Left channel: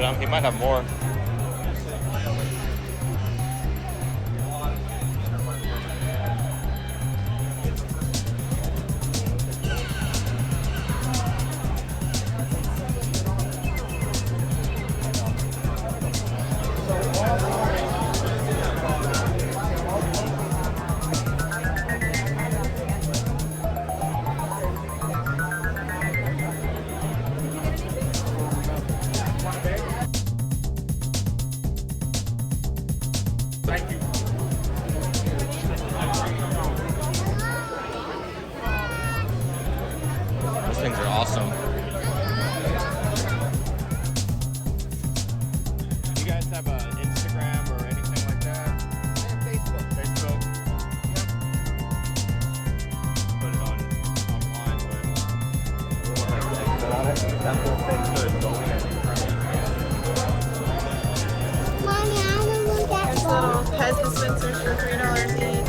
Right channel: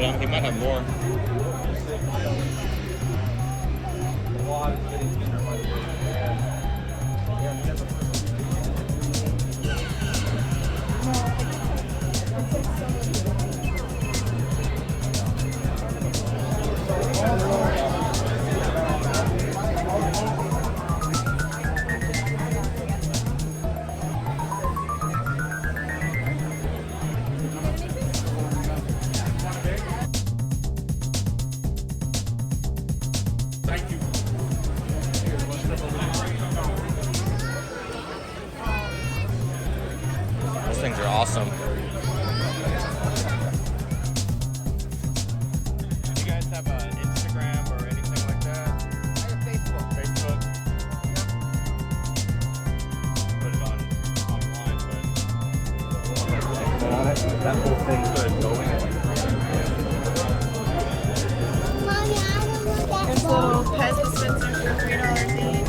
But he might have more. Those things are awesome. This little Pez dispenser for $3 each.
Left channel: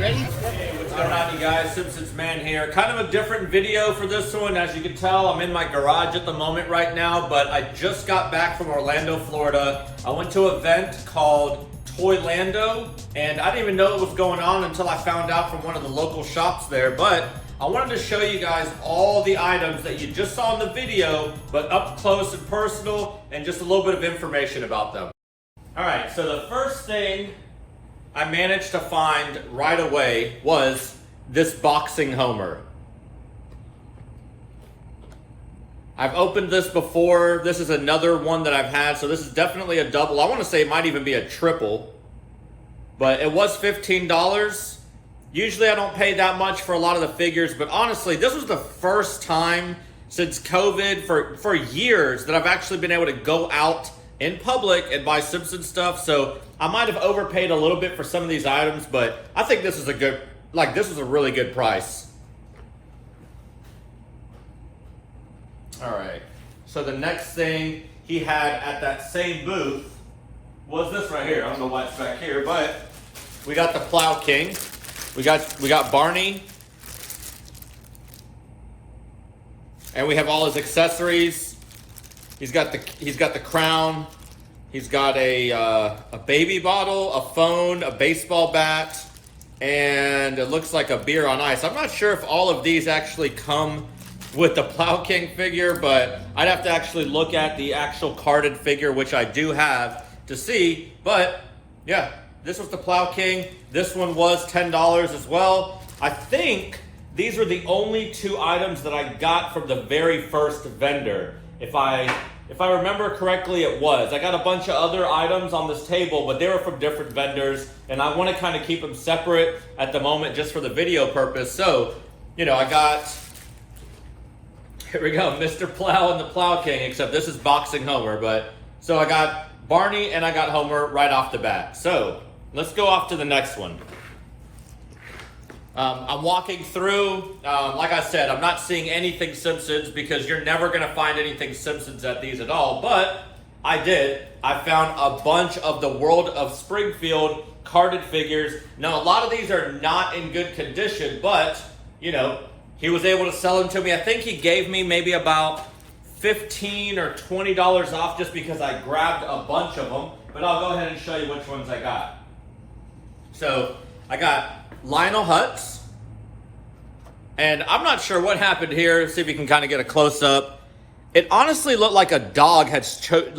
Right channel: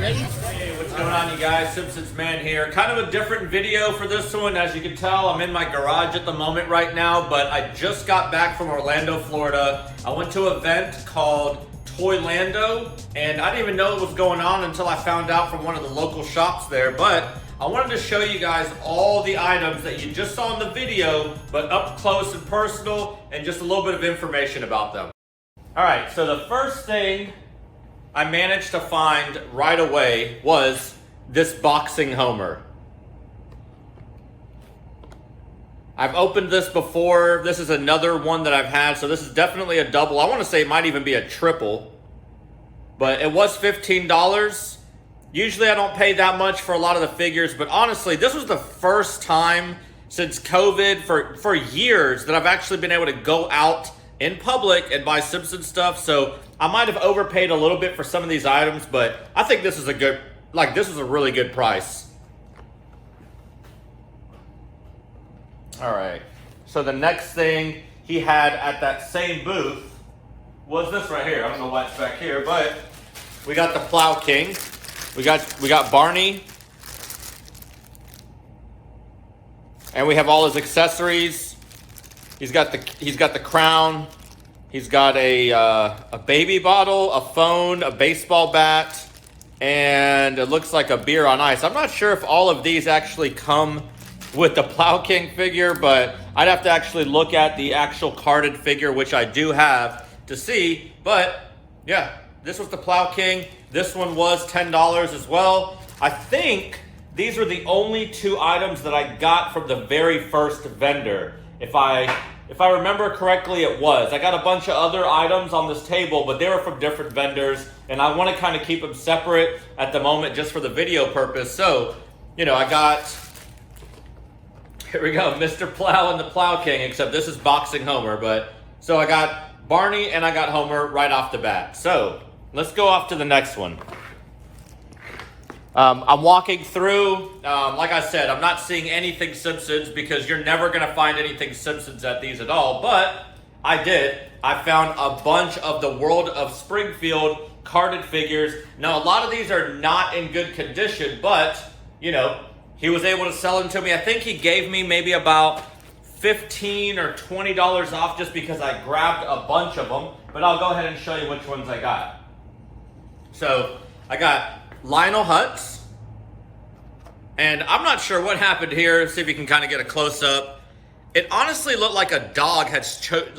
Hey, what's going on, you guys? Simpsons Man here. Kind of a different video for this one. As you can tell, I'm in my garage at the moment right now, but I just got back from Orlando, Florida. I went to an event called Toylando, and I didn't even know what was going on until I found out from one of the local shops there. But I wanted to show you guys all the items that you just saw in the video, but up close and personal, and just a little bit of information about them. All right, so the first thing I managed to find right away was this boxing Homer. I've opened this before. This is another one that I've had, so this is definitely a double. I want to say it might even be a triple, but it was $15. Usually I don't pay that much for a lot of the figures, but honestly, this was the first time since COVID for years that I've actually been able to go out in public and buy Simpsons stuff. So I might have overpaid a little bit for some of these items, but I think this is a good, this is a really good price. All right, so the next thing he had at that same booth was this right here. I don't know why it's back here, but we got the Plow King. We got Barney. And we have all his accessories. He's got the crown. He's got a baby bottle, a phone, a baseball bat, and it looks like a beer on ice. I'm not sure if all of these actually come with the Plow King figure, but I'd have to actually look at the actual carded figure, which I do have, to see. But yeah, this was the Plow King. This one was $10 as well. I think these were the only two items that I got from the very first vendor. If I remember correctly, it was. I got a bunch of other items on this table, but they were from different vendors, and I want to kind of keep them separate at the moment just for the video purpose. So, you know, I got, here we go, Mr. Plow and the Plow King, except this is Boxing Homer. But so I got Barney and I got Homer right off the bat. So let's go off to the next one. I'm walking through, like I said, I'm not seeing anything Simpsons because you're never going to find anything Simpsons at these at all, but I did. I found a bunch of the World of Springfield carded figures. Now, a lot of these are not in good condition, but, you know, he was able to sell them to me. I think he gave me maybe about $15 or $20 off just because I grabbed a bunch of them, but I'll go ahead and show you which ones I got. So, I got Lionel Hutz, and I'm not sure what happened here. See if you can kind of get a close-up. It honestly looked like a dog had chewed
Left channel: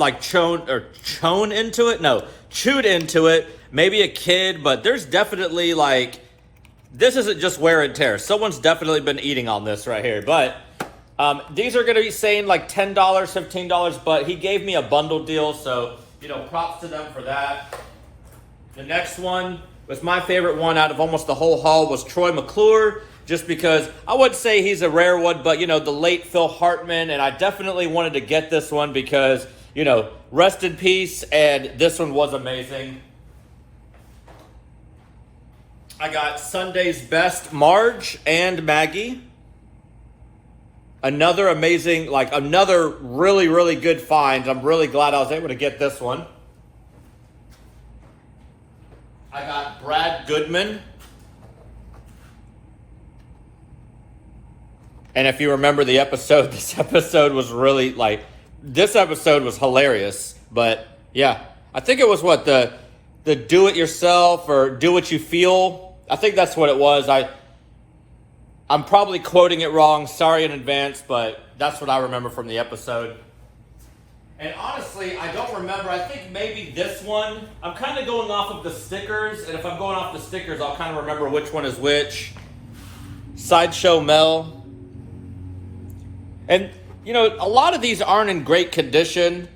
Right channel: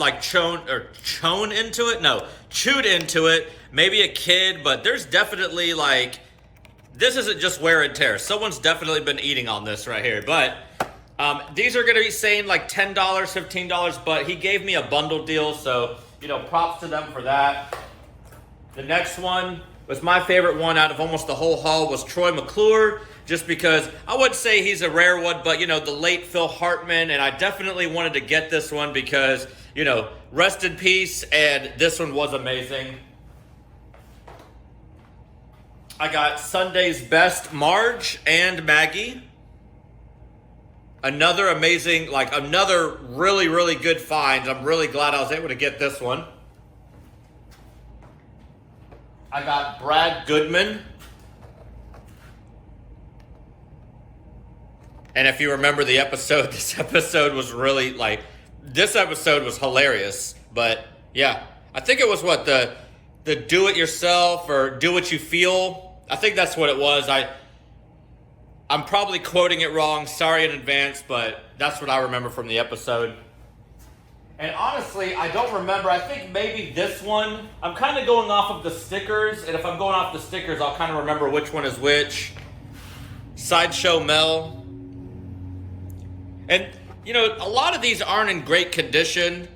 into it. Maybe a kid, but there's definitely like, this isn't just wear and tear. Someone's definitely been eating on this right here. But these are going to be saying like $10, $15, but he gave me a bundle deal. So, you know, props to them for that. The next one was my favorite one out of almost the whole haul was Troy McClure. Just because I would say he's a rare one, but, you know, the late Phil Hartman, and I definitely wanted to get this one because, you know, rest in peace, and this one was amazing. I got Sunday's Best Marge and Maggie. Another amazing, like another really, really good find. I'm really glad I was able to get this one. I got Brad Goodman. And if you remember the episode, this episode was really like, this episode was hilarious. But yeah, I think it was what, the do it yourself or do what you feel. I think that's what it was. I'm probably quoting it wrong. Sorry in advance, but that's what I remember from the episode. And honestly, I don't remember. I think maybe this one, I'm kind of going off of the stickers. And if I'm going off the stickers, I'll kind of remember which one is which. Sideshow Mel. And, you know, a lot of these aren't in great condition.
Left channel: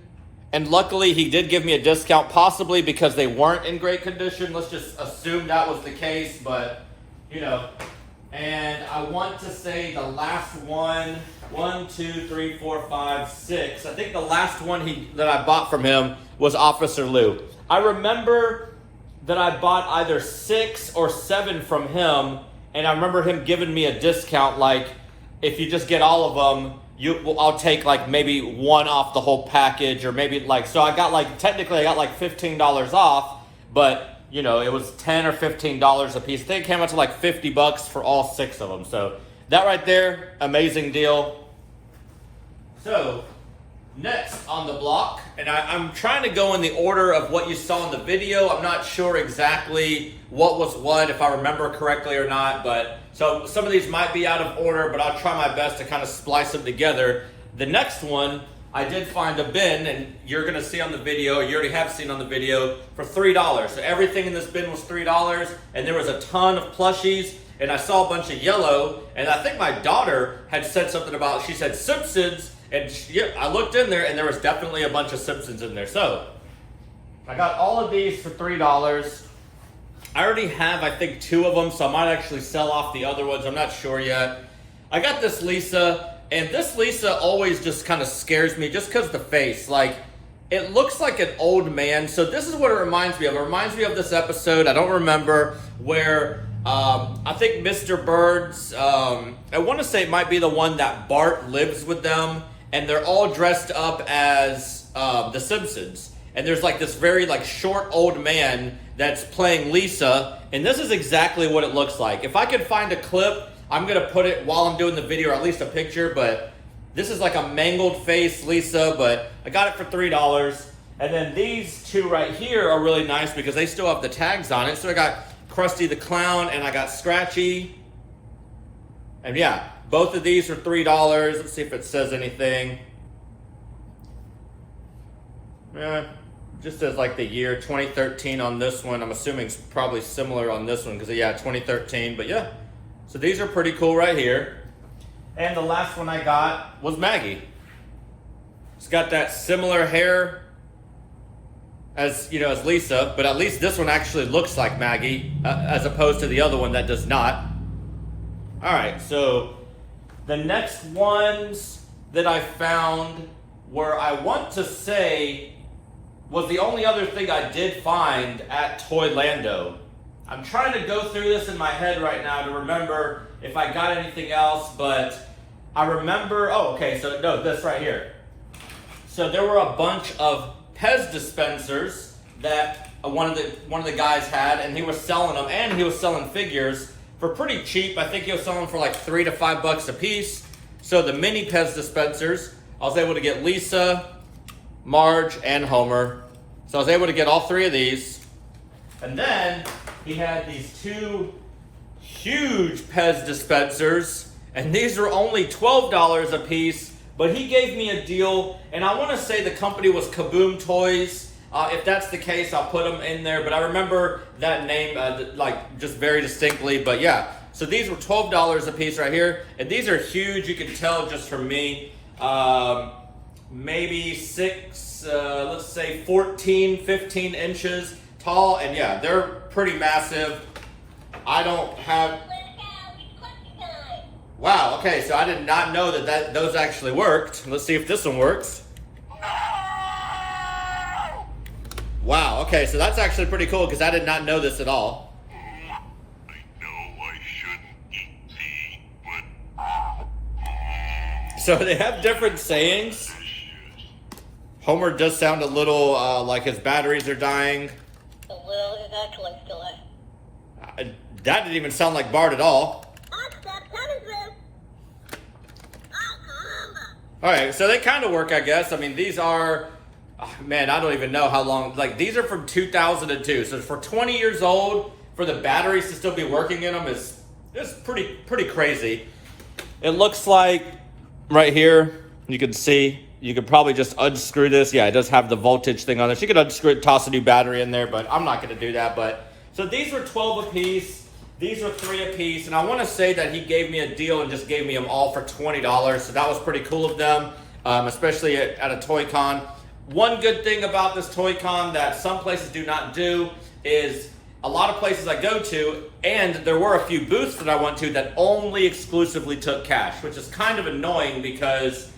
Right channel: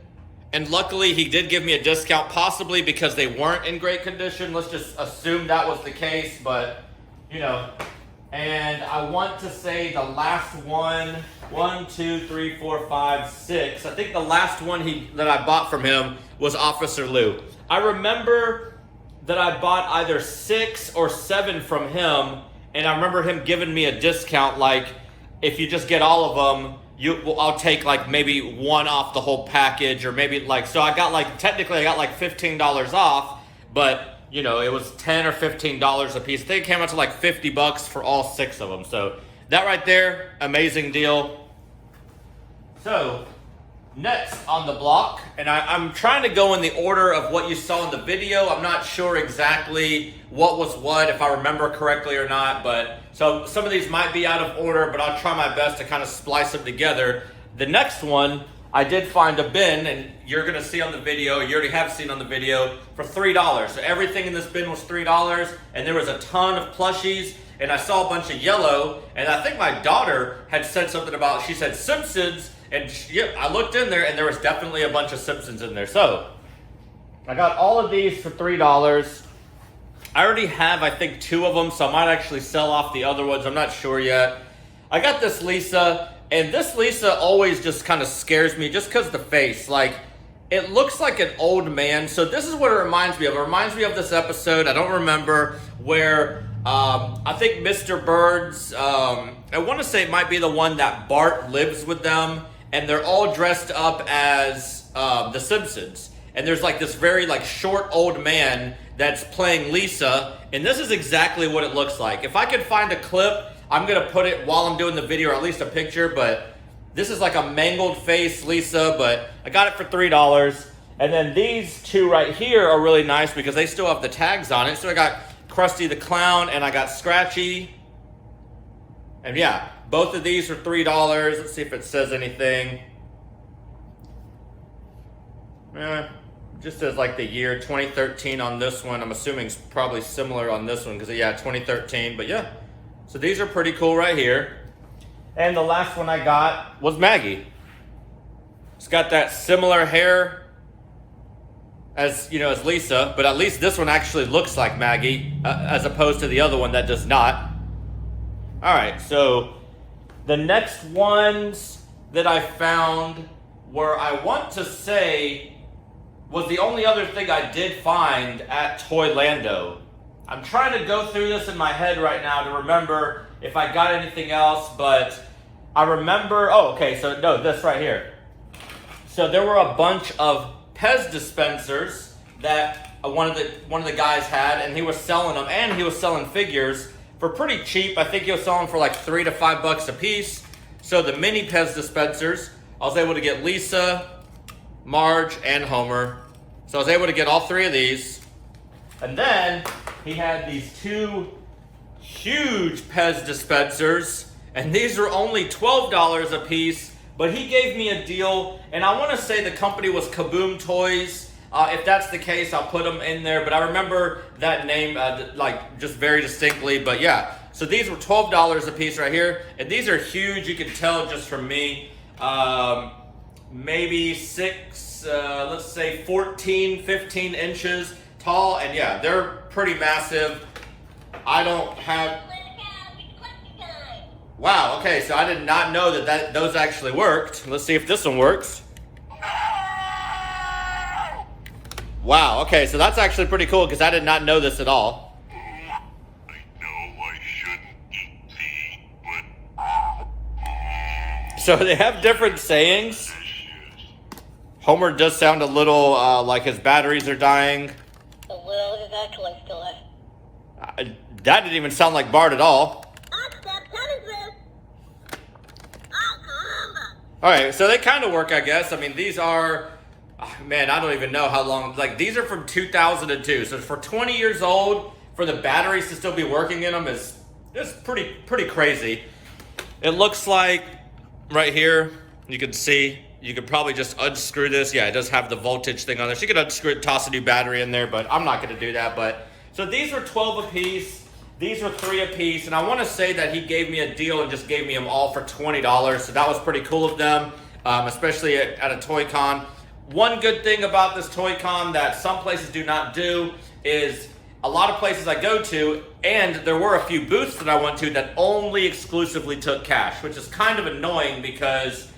And luckily, he did give me a discount, possibly because they weren't in great condition. Let's just assume that was the case. But, you know, and I want to say the last one, 1, 2, 3, 4, 5, 6. I think the last one that I bought from him was Officer Lou. I remember that I bought either 6 or 7 from him. And I remember him giving me a discount, like, if you just get all of them, I'll take like maybe one off the whole package, or maybe like, so I got like, technically I got like $15 off, but you know, it was $10 or $15 a piece. I think it came out to like $50 for all 6 of them. So that right there, amazing deal. So next on the block, and I'm trying to go in the order of what you saw in the video. I'm not sure exactly what was what, if I remember correctly or not, but so some of these might be out of order, but I'll try my best to kind of splice them together. The next one, I did find a bin, and you're going to see on the video, you already have seen on the video, for $3. So everything in this bin was $3, and there was a ton of plushies, and I saw a bunch of yellow, and I think my daughter had said something about, she said Simpsons, and yep, I looked in there, and there was definitely a bunch of Simpsons in there. So I got all of these for $3. I already have, I think, 2 of them, so I might actually sell off the other ones. I'm not sure yet. I got this Lisa, and this Lisa always just kind of scares me just because the face. Like, it looks like an old man. So this is what it reminds me of. It reminds me of this episode, I don't remember, where I think Mr. Bird's, I want to say it might be the one that Bart lives with them, and they're all dressed up as the Simpsons. And there's like this very like short old man that's playing Lisa, and this is exactly what it looks like. If I could find a clip, I'm gonna put it while I'm doing the video, or at least a picture, but this is like a mangled face Lisa, but I got it for $3. And then these 2 right here are really nice because they still have the tags on it. So I got Krusty the Clown and I got Scratchy. And yeah, both of these are $3. Let's see if it says anything. Just as like the year 2013 on this one. I'm assuming it's probably similar on this one because yeah, 2013. But yeah, so these are pretty cool right here. And the last one I got was Maggie. It's got that similar hair as, you know, as Lisa, but at least this one actually looks like Maggie as opposed to the other one that does not. All right, so the next ones that I found were, I want to say, was the only other thing I did find at Toylando. I'm trying to go through this in my head right now to remember if I got anything else, but I remember, oh, okay, so no, this right here. So there were a bunch of Pez dispensers that one of the guys had, and he was selling them, and he was selling figures for pretty cheap. I think he was selling for like $3 to $5 a piece. So the mini Pez dispensers, I was able to get Lisa, Marge, and Homer. So I was able to get all 3 of these. And then he had these 2 huge Pez dispensers, and these were only $12 a piece, But he gave me a deal, and I want to say the company was Kaboom Toys. If that's the case, I'll put them in there. But I remember that name like just very distinctly. But yeah, so these were $12 a piece right here. And these are huge. You can tell just from me. Maybe 6, let's say 14, 15 inches tall. And yeah, they're pretty massive. I don't have... Wow, okay, so I did not know that those actually worked. Let's see if this one works. Wow, okay, so that's actually pretty cool because I did not know this at all. I know I shouldn't eat tea, but... So they have different sayings. Homer does sound a little like his batteries are dying. That didn't even sound like Bart at all. Alright, so they kind of work, I guess. I mean, these are, man, I don't even know how long, like, these are from 2002. So for 20 years old, for the batteries to still be working in them is pretty crazy. It looks like, right here, you can see, you could probably just unscrew this. Yeah, it does have the voltage thing on this. You could unscrew it, toss a new battery in there, but I'm not going to do that. But so these were 12 a piece. These were 3 a piece, and I want to say that he gave me a deal and just gave me them all for $20, so that was pretty cool of them, especially at a Toy Con. One good thing about this Toy Con that some places do not do is a lot of places I go to, and there were a few booths that I went to that only exclusively took cash, which is kind of annoying because,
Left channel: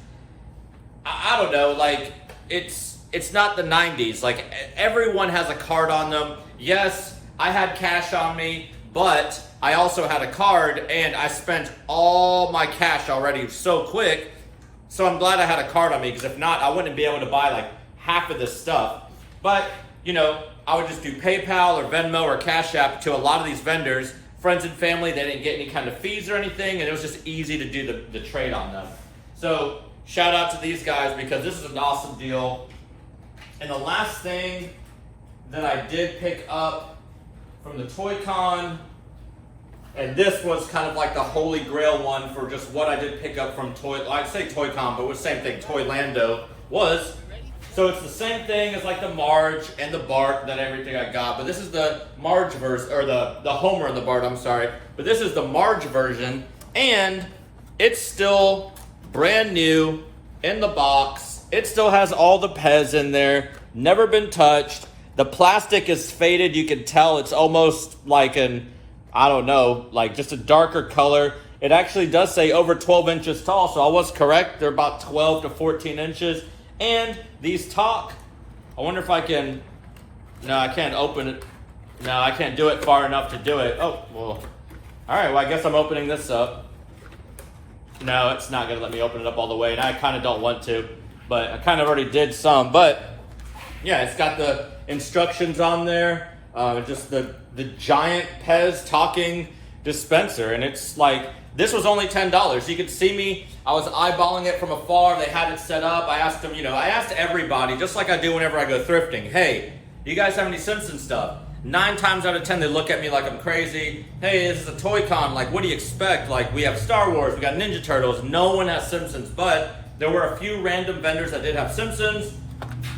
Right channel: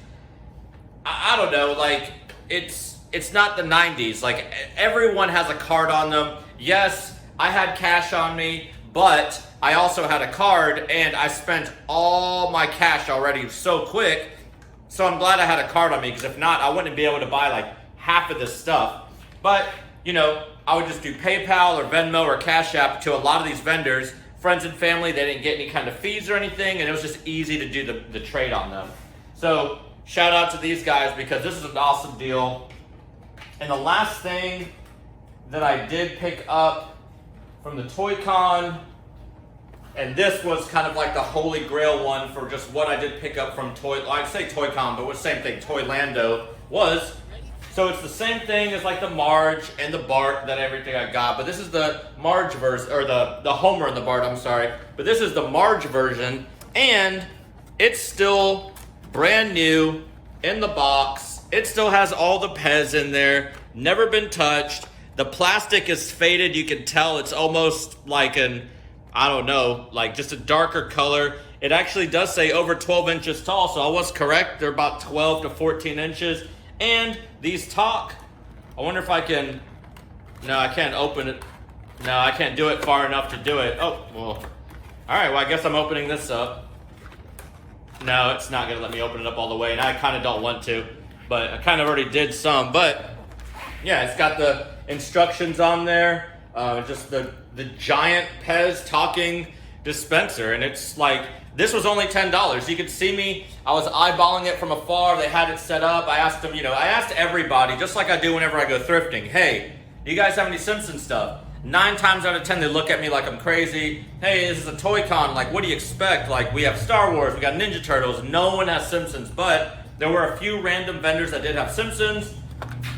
I don't know, like, it's not the 90s. Like, everyone has a card on them. Yes, I had cash on me, but I also had a card, and I spent all my cash already so quick, so I'm glad I had a card on me, because if not, I wouldn't be able to buy like half of this stuff. But, you know, I would just do PayPal or Venmo or Cash App to a lot of these vendors, friends and family. They didn't get any kind of fees or anything, and it was just easy to do the trade on them. So, shout out to these guys, because this is an awesome deal. And the last thing that I did pick up from the Toy Con, and this was kind of like the holy grail one for just what I did pick up from I'd say Toy Con, but it was the same thing, Toylando was. So it's the same thing as like the Marge and the Bart that everything I got, but this is the Marge version, or the Homer and the Bart, I'm sorry. But this is the Marge version, and it's still brand new in the box. It still has all the Pez in there, never been touched. The plastic is faded. You can tell it's almost like I don't know, like just a darker color. It actually does say over 12 inches tall, so I was correct. They're about 12 to 14 inches. And these talk. I wonder if I can, no, I can't open it. No, I can't do it far enough to do it. Oh, well, all right, well, I guess I'm opening this up. No, it's not gonna let me open it up all the way, and I kind of don't want to, but I kind of already did some. But yeah, it's got the instructions on there. Just the giant Pez talking dispenser, and it's like, this was only $10. You could see me, I was eyeballing it from afar. They had it set up. I asked them, you know, I asked everybody, just like I do whenever I go thrifting, hey, do you guys have any Simpsons stuff? 9 times out of 10, they look at me like I'm crazy. Hey, this is a Toy Con, like, what do you expect? Like, we have Star Wars, we got Ninja Turtles, no one has Simpsons, but there were a few random vendors that did have Simpsons.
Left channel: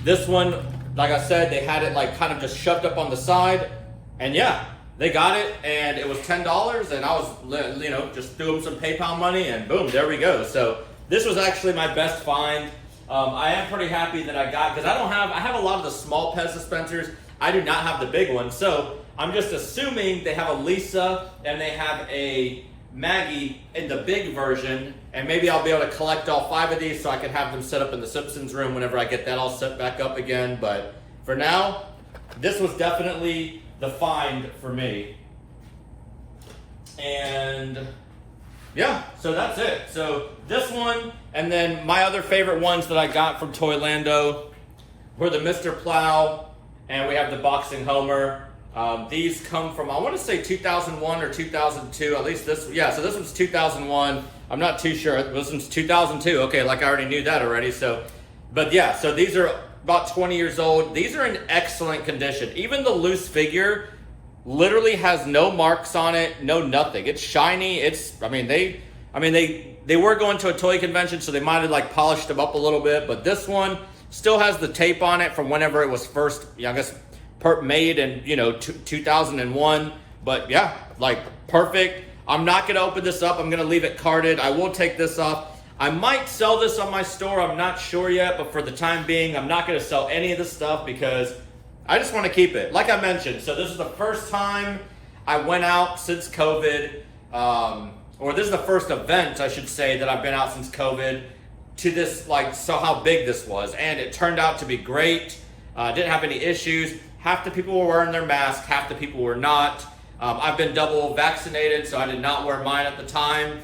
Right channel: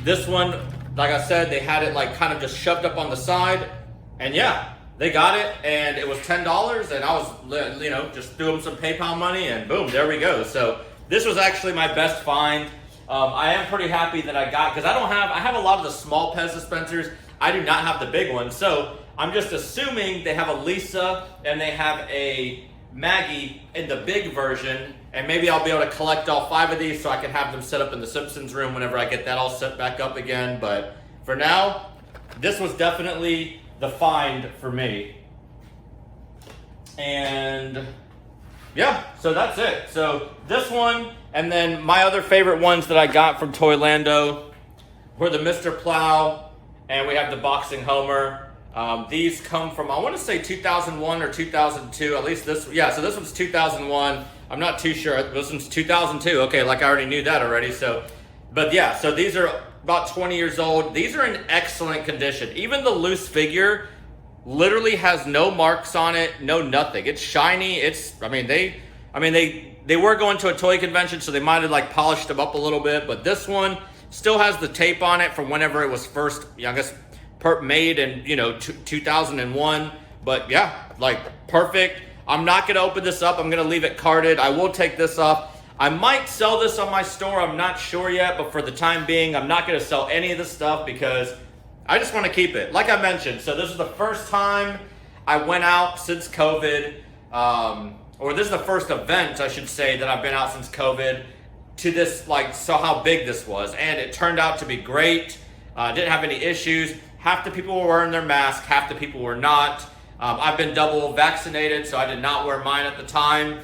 This one, like I said, they had it like kind of just shoved up on the side, and yeah, they got it, and it was $10, and I was, you know, just threw them some PayPal money, and boom, there we go. So this was actually my best find. I am pretty happy that I got, because I have a lot of the small Pez dispensers. I do not have the big one, so I'm just assuming they have a Lisa and they have a Maggie in the big version, and maybe I'll be able to collect all 5 of these so I can have them set up in the Simpsons room whenever I get that all set back up again. But for now, this was definitely the find for me. And yeah, so that's it. So this one, and then my other favorite ones that I got from Toylando were the Mr. Plow, and we have the Boxing Homer. These come from, I want to say 2001 or 2002, at least this, yeah, so this one's 2001. I'm not too sure. This one's 2002. Okay, like I already knew that already. So, but yeah, so these are about 20 years old. These are in excellent condition. Even the loose figure literally has no marks on it, no nothing. It's shiny. It's, I mean, I mean, they were going to a toy convention, so they might have like polished them up a little bit, but this one still has the tape on it from whenever it was first, I guess, made in, 2001. But yeah, like perfect. I'm not gonna open this up. I'm gonna leave it carded. I will take this off. I might sell this on my store. I'm not sure yet, but for the time being, I'm not gonna sell any of this stuff because I just want to keep it. Like I mentioned, so this is the first time I went out since COVID, or this is the first event, I should say, that I've been out since COVID to this, like, so how big this was. And it turned out to be great. Didn't have any issues. Half the people were wearing their mask, half the people were not. I've been double vaccinated, so I did not wear mine at the time,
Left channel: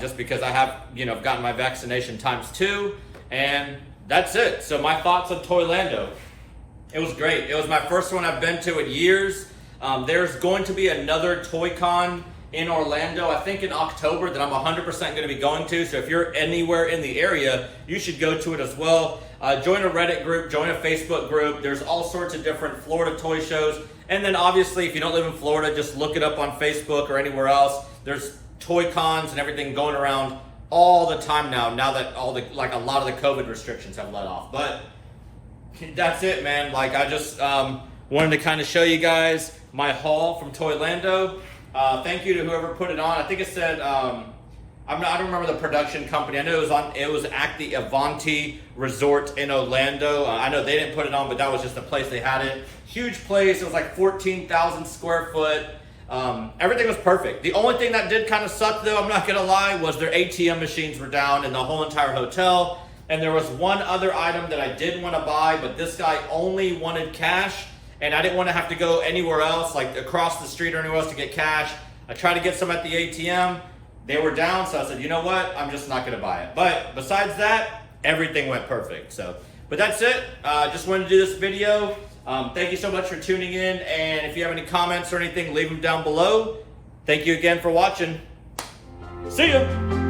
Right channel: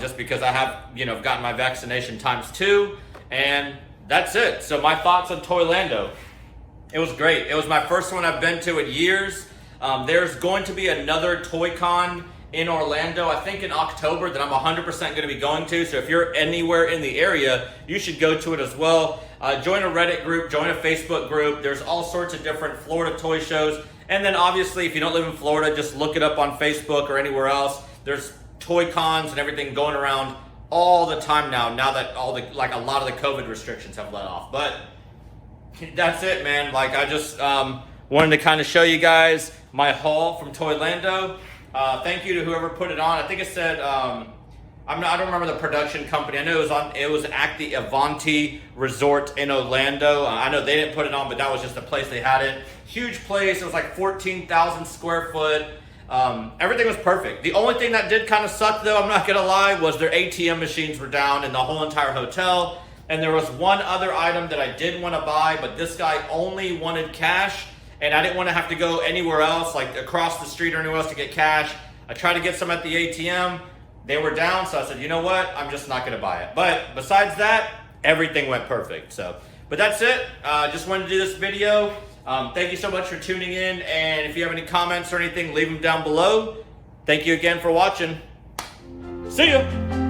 just because I have, gotten my vaccination ×2, and that's it. So my thoughts on Toylando. It was great. It was my first one I've been to in years. There's going to be another Toy-Con in Orlando, I think in October, that I'm 100% going to be going to. So if you're anywhere in the area, you should go to it as well. Join a Reddit group, join a Facebook group. There's all sorts of different Florida toy shows. And then obviously, if you don't live in Florida, just look it up on Facebook or anywhere else. There's toy cons and everything going around all the time now that a lot of the COVID restrictions have let off. But that's it, man. Like, I just wanted to kind of show you guys my haul from Toylando. Thank you to whoever put it on. I think it said, I don't remember the production company. I know it was at the Avanti Resort in Orlando. I know they didn't put it on, but that was just the place they had it. Huge place. It was like 14,000 square foot. Everything was perfect. The only thing that did kind of suck, though, I'm not going to lie, was their ATM machines were down in the whole entire hotel. And there was one other item that I did want to buy, but this guy only wanted cash. And I didn't want to have to go anywhere else, like across the street or anywhere else to get cash. I tried to get some at the ATM. They were down, so I said, you know what? I'm just not going to buy it. But besides that, everything went perfect. So, but that's it. Just wanted to do this video. Thank you so much for tuning in. And if you have any comments or anything, leave them down below. Thank you again for watching. See ya.